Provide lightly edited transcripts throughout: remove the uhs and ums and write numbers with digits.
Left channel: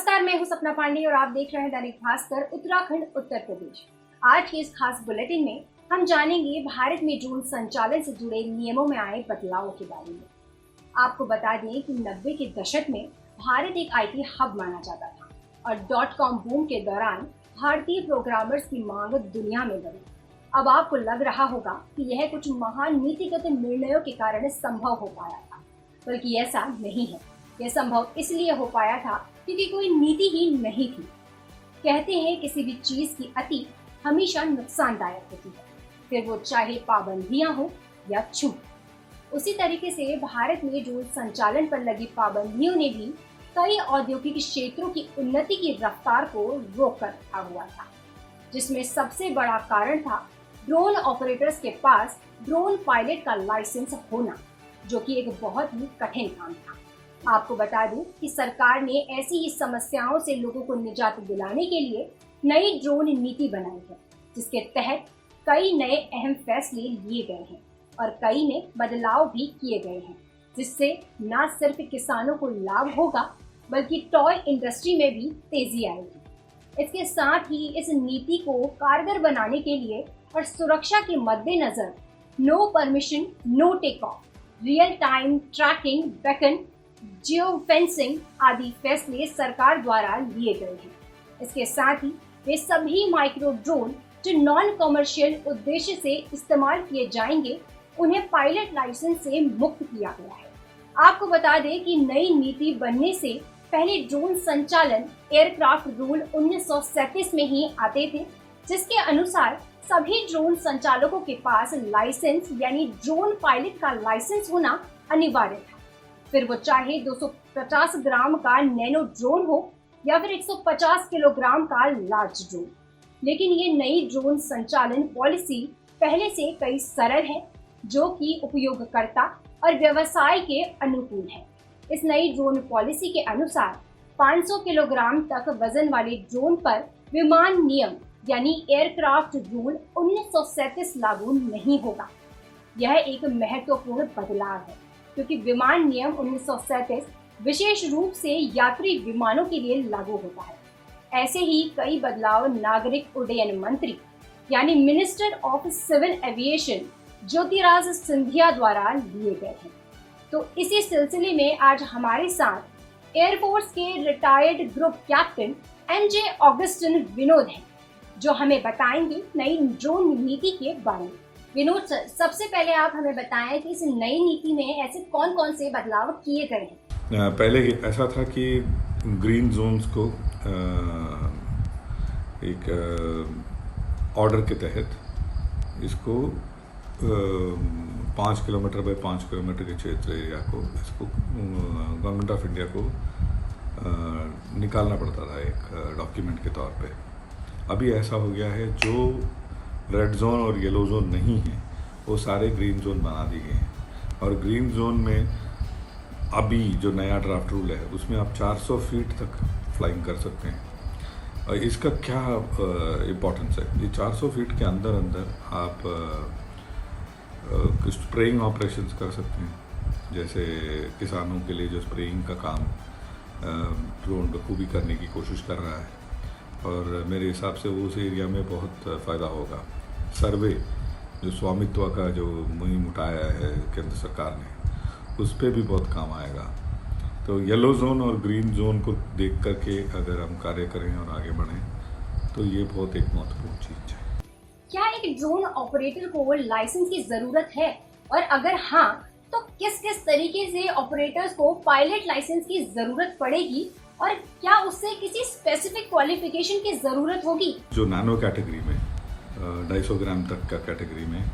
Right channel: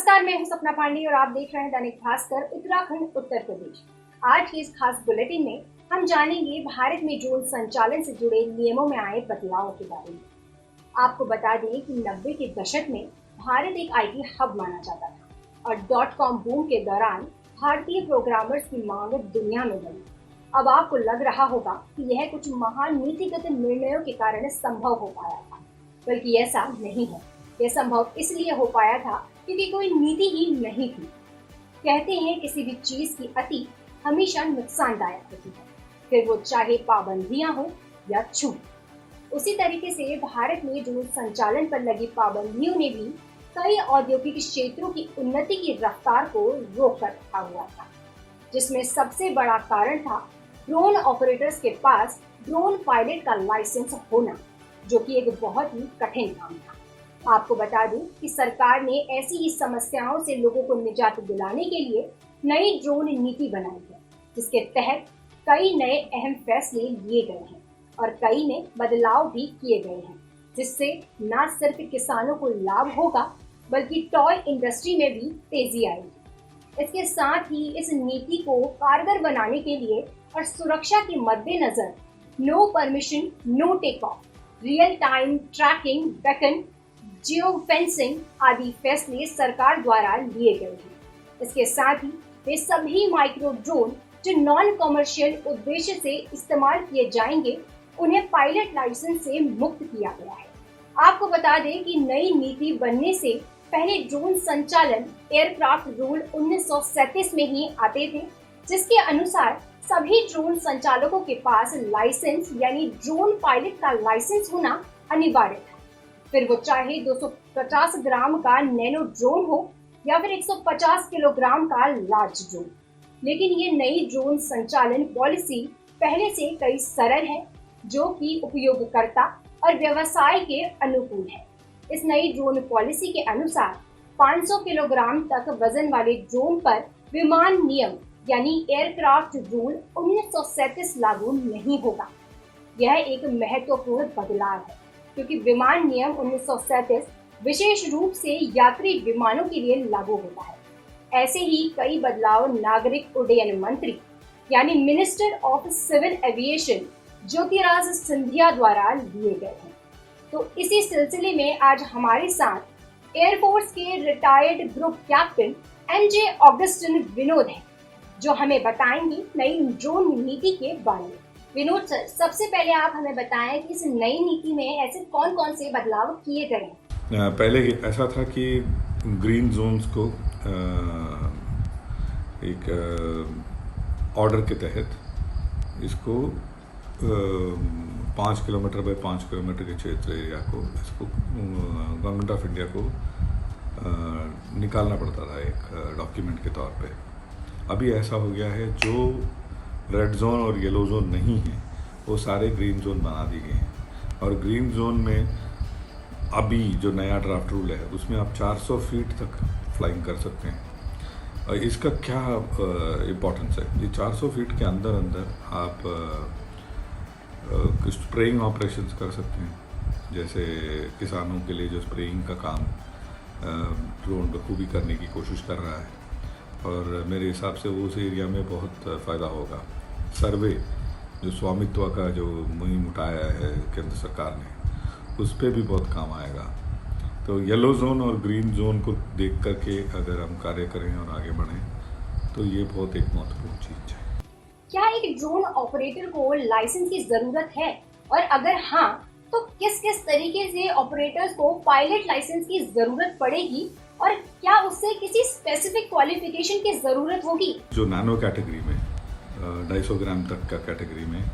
नमस्कार, मैं हूं सपना पांडे और आप देख रहे हैं दैनिक भास्कर उत्तराखंड उत्तर प्रदेश। आज की इस खास बुलेटिन में हम जानेंगे भारत में ड्रोन संचालन से जुड़े नियमों में आए बदलावों के बारे में। आपको बता दें कि 90 के दशक में भारत एक आईटी हब माना जाता था और .com बूम के दौरान भारतीय प्रोग्रामर्स की मांग दुनिया में बढ़ी। अब आपको लग रहा होगा कि यह कुछ महान नीतिगत निर्णयों के कारण संभव हो पाया था, बल्कि ऐसा नहीं है। यह संभव इसलिए हो पाया था क्योंकि कोई नीति ही नहीं थी। कहते हैं किसी भी चीज की अति हमेशा नुकसानदायक होती है, फिर वो चाहे पाबंदियां हो या छूट। उसी तरीके से भारत में ड्रोन संचालन पर लगी पाबंदियों ने भी कई औद्योगिक क्षेत्रों की उन्नति की रफ्तार को रोक कर रखा हुआ था, जिसमें सबसे बड़ा कारण था ड्रोन ऑपरेटर्स के पास ड्रोन पायलट का लाइसेंस होना, जो कि एक बहुत ही कठिन काम था। आपको बता दूं कि सरकार ने ऐसी ही समस्याओं से लोगों को निजात दिलाने के लिए नई ड्रोन नीति बनाई है, जिसके तहत कई नए अहम फैसले लिए गए हैं और कई में बदलाव भी किए गए हैं, जिससे न सिर्फ किसानों को लाभ होगा बल्कि टॉय इंडस्ट्री में भी तेजी आएगी। इसके साथ ही इस नीति को कारगर बनाने के लिए और सुरक्षा के मद्देनजर no permission no take off, real time tracking, beacon, geo fencing आदि फैसले सरकार द्वारा लिए गए हैं। इसके साथ ही वे सभी माइक्रो ड्रोन जो नॉन कमर्शियल उद्देश्य से इस्तेमाल किए जाएंगे, उन्हें पायलट लाइसेंस से मुक्त किया गया है। आपको बता दें कि नई नीति बनने से पहले ड्रोन संचालन एयरक्राफ्ट रूल 1937 में ही आते थे, जिसके अनुसार सभी ड्रोन संचालकों के पास लाइसेंस यानी ड्रोन पायलट का लाइसेंस होना अनिवार्य था, फिर वो चाहे 250 ग्राम का नैनो ड्रोन हो या फिर 150 किलोग्राम का लार्ज ड्रोन। लेकिन ये नई ड्रोन संचालन पॉलिसी पहले से कई सरल है, जो कि उपयोगकर्ता और व्यवसाय के अनुकूल है। इस नई ड्रोन पॉलिसी के अनुसार 500 किलोग्राम तक वजन वाले ड्रोन पर विमान नियम यानी एयरक्राफ्ट रूल 1937 लागू नहीं होगा। यह एक महत्वपूर्ण बदलाव है, क्योंकि विमान नियम 1937 विशेष रूप से यात्री विमानों के लिए लागू होता है। ऐसे ही कई बदलाव नागरिक उड्डयन मंत्री यानी minister of civil aviation Jyotiraj Scindia द्वारा लिए गए हैं। तो इसी सिलसिले में आज हमारे साथ एयरफोर्स के retired group captain MJ Augustine Vinod हैं, जो हमें बताएंगे नई ड्रोन नीति के बारे में। विनोद सर, सबसे पहले आप हमें बताएं कि इस नई नीति में ऐसे कौन कौन से बदलाव किए गए हैं। पहले ऐसा था कि ग्रीन जोन्स को एक ऑर्डर के तहत इसको 5 किलोमीटर बाय 5 किलोमीटर के क्षेत्र एरिया को इसको गवर्नमेंट ऑफ इंडिया को निकालना पड़ता था एक डॉक्यूमेंट के तौर पे। अभी ऐसा हो गया है, जो रेड जोन और येलो जोन नहीं है वो सारे ग्रीन जोन बना दिए गए हैं। और ग्रीन जोन में अभी जो नया ड्राफ्ट रूल है उसमें आप 400 फीट तक फ्लाइंग कर सकते हैं। और इसका क्या इम्पोर्टेंस है, ये 400 फीट के अंदर आप स्प्रेइंग ऑपरेशंस कर सकते हैं। जैसे किसानों के लिए जो स्प्रेइंग का काम ड्रोन बखूबी करने की कोशिश कर रहा है, और मेरे हिसाब से वो उस एरिया में बहुत फ़ायदा होगा। सर्वे जो स्वामित्व का जो मुहिम उठाया है केंद्र सरकार ने, उस पर भी बहुत काम आएगा। तो येलो जोन और ग्रीन जोन को देख करके अगर हम कार्य करें और आगे बढ़ें तो ये बहुत एक महत्वपूर्ण चीज़ है। क्या एक ड्रोन ऑपरेटर को लाइसेंस की जरूरत है, और अगर हाँ तो किस किस तरीके से ऑपरेटर्स को पायलट लाइसेंस की जरूरत पड़ेगी, और क्या उससे किसी स्पेसिफिक क्वालिफिकेशन की जरूरत होगी? जो नैनो कैटेगरी में 250 ग्राम तक का कैटेगरी में,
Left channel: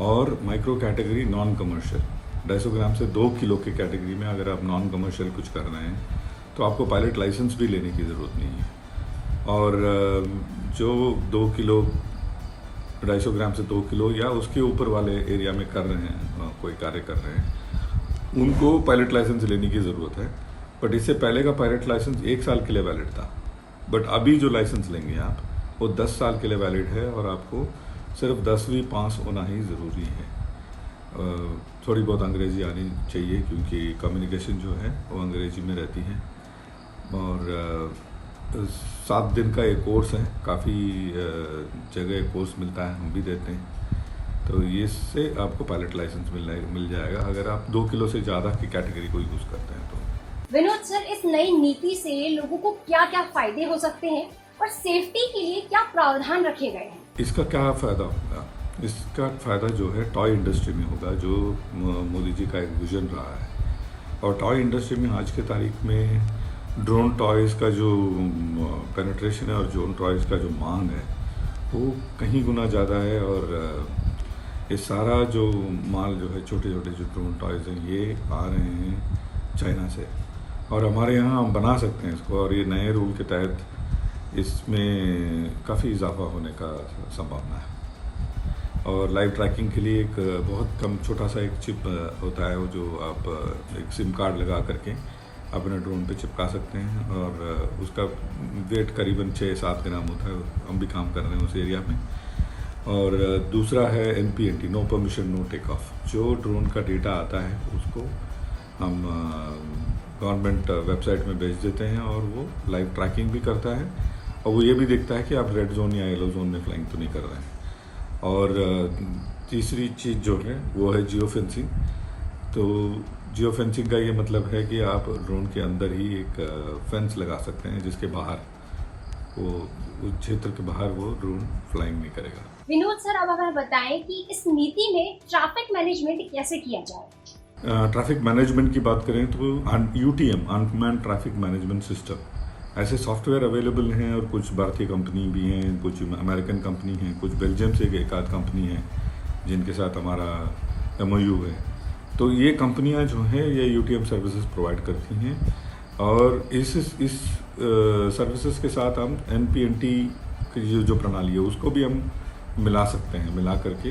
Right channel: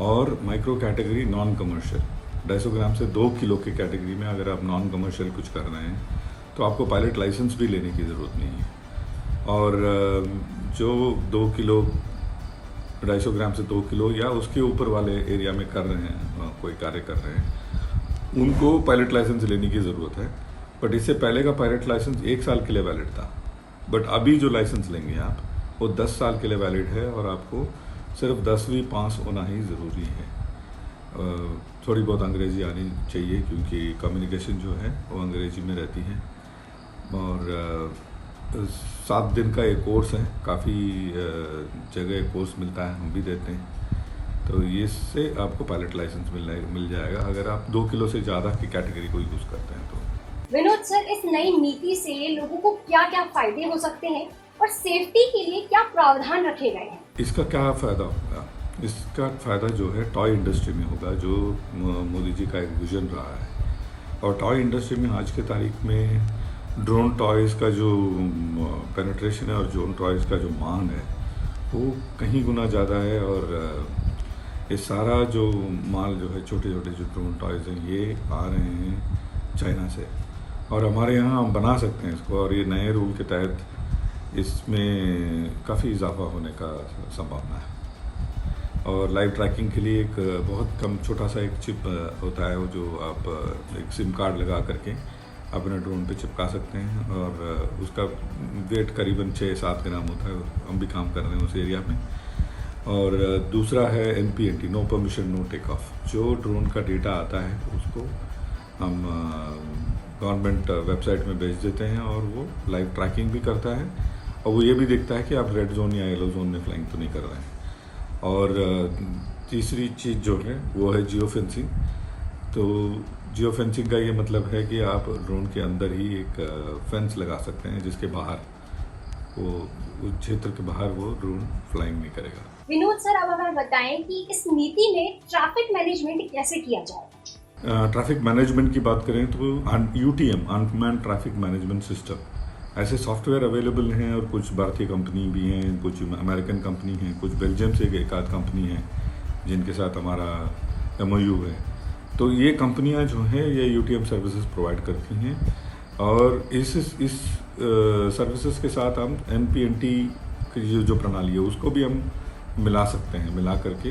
और माइक्रो कैटेगरी नॉन कमर्शियल 250 ग्राम से 2 किलो के कैटेगरी में अगर आप नॉन कमर्शियल कुछ कर रहे हैं तो आपको पायलट लाइसेंस भी लेने की ज़रूरत नहीं है। और जो 2 किलो 250 ग्राम से 2 किलो या उसके ऊपर वाले एरिया में कर रहे हैं, कोई कार्य कर रहे हैं, उनको पायलट लाइसेंस लेने की ज़रूरत है। बट इससे पहले का पायलट लाइसेंस 1 साल के लिए वैलिड था, बट अभी जो लाइसेंस लेंगे आप वो 10 साल के लिए वैलिड है, और आपको सिर्फ 10वीं पास होना ही ज़रूरी है। थोड़ी बहुत अंग्रेज़ी आनी चाहिए, क्योंकि कम्युनिकेशन जो है वो अंग्रेज़ी में रहती है। और 7 दिन का ये कोर्स है, काफ़ी जगह कोर्स मिलता है, हम भी देते हैं। तो इससे आपको पायलट लाइसेंस मिल जाएगा अगर आप 2 किलो से ज़्यादा की कैटेगरी को यूज़ करते हैं तो। विनोद सर, इस नई नीति से लोगों को क्या क्या फायदे हो सकते हैं और सेफ्टी के लिए क्या प्रावधान रखे गए हैं? इसका क्या फ़ायदा होगा? इसका फ़ायदा जो है टॉय इंडस्ट्री में होगा, जो मोदी जी का एक विजन रहा है। और टॉय इंडस्ट्री में आज के तारीख में ड्रोन टॉयज़ का जो पेनिट्रेशन है और ड्रोन टॉयज़ का जो मांग है वो कहीं गुना ज़्यादा है। और ये सारा जो माल जो है, छोटे छोटे जो ड्रोन टॉयज़ हैं, ये आ रहे हैं चाइना से, और हमारे यहाँ हम बना सकते हैं इसको। और ये नए रूल के तहत इसमें काफ़ी इजाफा होने का संभावना है। और लाइव ट्रैकिंग के लिए एक बहुत कम छोटा सा एक चिप होता है, वो जो आप एक सिम कार्ड लगा करके अपने ड्रोन पे चिपका सकते हैं, और उसका वेट करीबन 6-7 ग्राम होता है। हम भी काम कर रहे हैं उस एरिया में। और दूसरा है NPNT, no permission no take off. जो ड्रोन का डेटा आता है उसको हम गवर्नमेंट वेबसाइट में भेज देते हैं, और वो लाइव ट्रैकिंग भी करता है, और वो ये भी देखता है कि आप रेड जोन या येलो जोन में फ्लाइंग तो नहीं कर रहे हैं। और तीसरी चीज़ जो है वो है जियो फेंसिंग। तो जियो फेंसिंग का ये मतलब है कि आप ड्रोन के अंदर ही एक फेंस लगा सकते हैं, जिसके बाहर वो उस क्षेत्र के बाहर वो ड्रोन फ्लाइंग नहीं करेगा। विनोद सर, अब हमें बताएं कि इस नीति में ट्रैफिक मैनेजमेंट कैसे किया जाए? ट्रैफिक मैनेजमेंट की बात करें तो UTM, unmanned traffic management system, ऐसे सॉफ्टवेयर अवेलेबल हैं। और कुछ भारतीय कंपनी भी हैं, कुछ अमेरिकन कंपनी हैं, कुछ बेल्जियम से एक आध कंपनी है जिनके साथ हमारा MOU है। तो ये कंपनियां जो हैं ये UTM सर्विसेज प्रोवाइड करती हैं, और इस सर्विसेज के साथ हम NPNT की जो प्रणाली है उसको भी हम मिला सकते हैं। मिला करके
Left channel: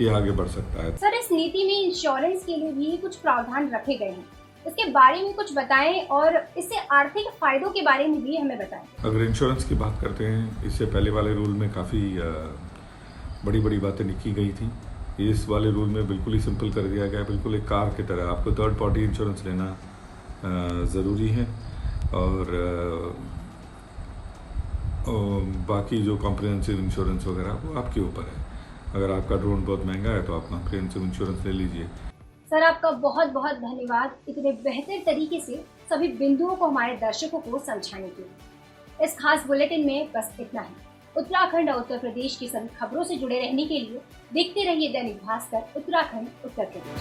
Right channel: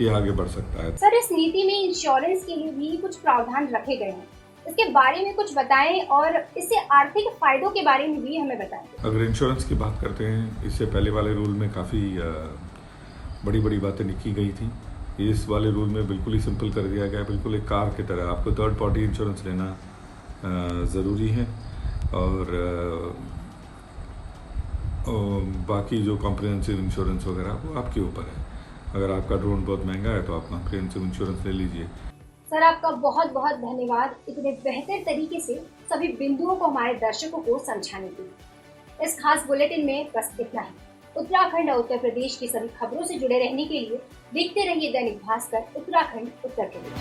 ये आगे बढ़ सकता है। सर, इस नीति में इंश्योरेंस के लिए भी कुछ प्रावधान रखे गए हैं, इसके बारे में कुछ बताएं, और इससे आर्थिक फायदों के बारे में भी हमें बताएं। अगर इंश्योरेंस की बात करते हैं, इससे पहले वाले रूल में काफ़ी बड़ी बड़ी बातें लिखी गई थी। इस वाले रूल में बिल्कुल ही सिंपल कर दिया गया, बिल्कुल एक कार की तरह आपको थर्ड पार्टी इंश्योरेंस लेना ज़रूरी है। और बाकी जो कॉम्प्रिहेंसिव इंश्योरेंस वगैरह वो आपके ऊपर है। अगर आपका ड्रोन बहुत महंगा है तो आप कॉम्प्रिहेंसिव इंश्योरेंस ले लीजिए। सर, आपका बहुत बहुत धन्यवाद इतने बेहतर तरीके से सभी बिंदुओं को हमारे दर्शकों को समझाने के लिए। इस खास बुलेटिन में बस इतना ही। उत्तराखंड और उत्तर प्रदेश की सभी खबरों से जुड़े रहने के लिए देखते रहिए दैनिक भास्कर उत्तराखंड उत्तर प्रदेश।